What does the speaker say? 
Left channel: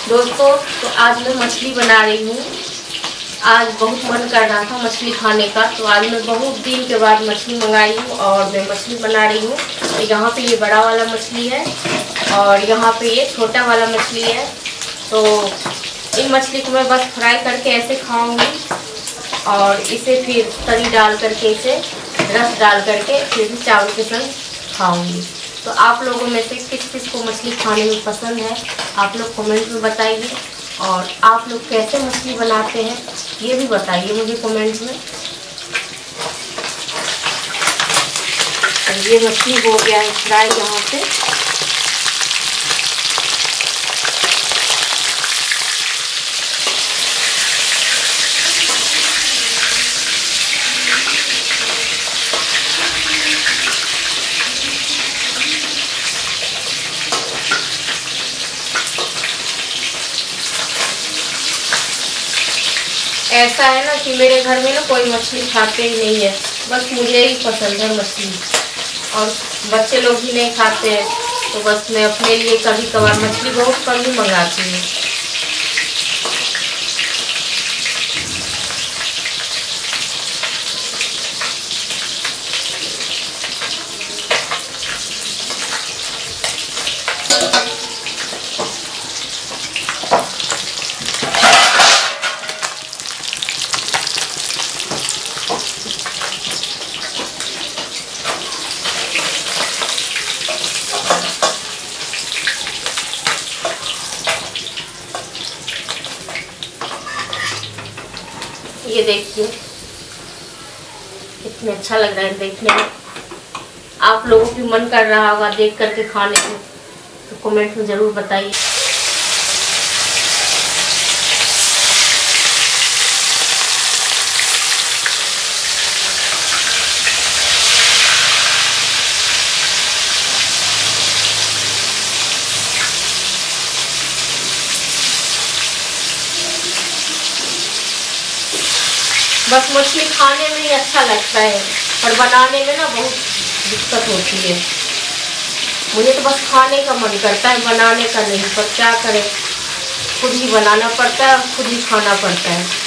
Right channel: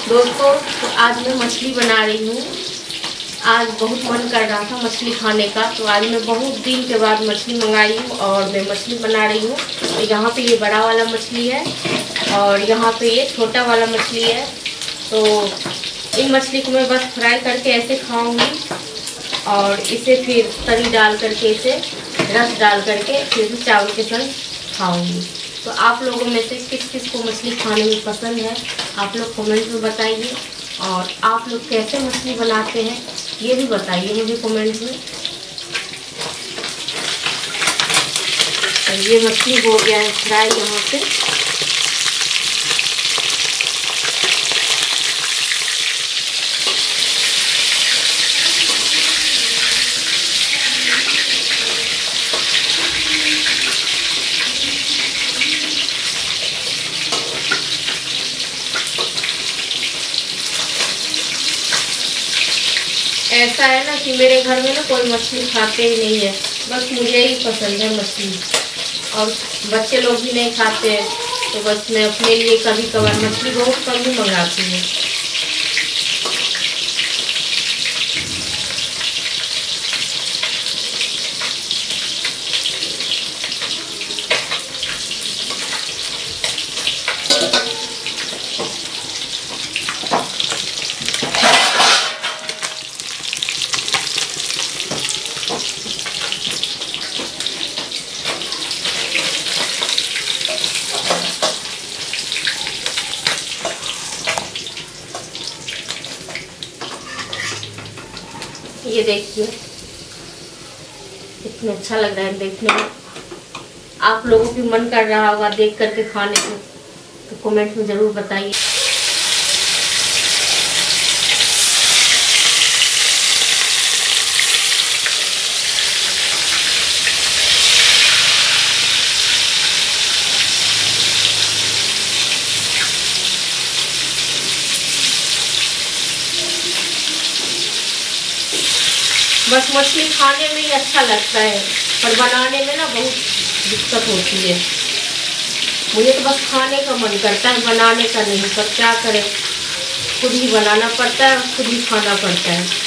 दोस्तों, तो आज मैं मछली बना रही हूँ। आज बहुत मन कर रहा था मछली खाने का, तो आज मैं बहुत दिन के बाद मछली मंगाई हूँ और मैं मछली बना रही हूँ। तो यहाँ पे ये बड़ा वाला मछली है और यहाँ पे ये छोटा वाला मछली है। तो इन मछली को मैं बस फ्राई करके ऐसे खाऊंगी और इसे फिर तरी डाल करके, इसे रस डाल करके फिर भी चावल के संग खाऊंगी। तो आप लोगों में से किस किस को मछली खाने में पसंद है, आप लोग कमेंट में बताइए। और आप लोग कैसे मछली बनाते हैं ये भी बताइए मुझे कमेंट में। तो ये मछली हो गया है फ्राई यहाँ पे। ऐसा है ना कि मेरे घर में ना कोई मछली खाते ही नहीं है, बस मुझे ही पसंद है मछली और बच्चे लोग भी नहीं खाते हैं। तो बस मैं अपने लिए कभी कभार मछली बहुत कम ही मंगाती हूँ। ये देखिए कितना अच्छा लग रहा है देखने में। आप लोगों की मन कर रहा होगा देख करके खाने को, तो कमेंट में ज़रूर बताइए। बस मछली खाने में ही अच्छा लगता है और बनाने में ना बहुत दिक्कत होती है। मुझे तो बस खाने का मन करता है, बनाने का नहीं। पर क्या करें, खुद ही बनाना पड़ता है और खुद ही खाना पड़ता है।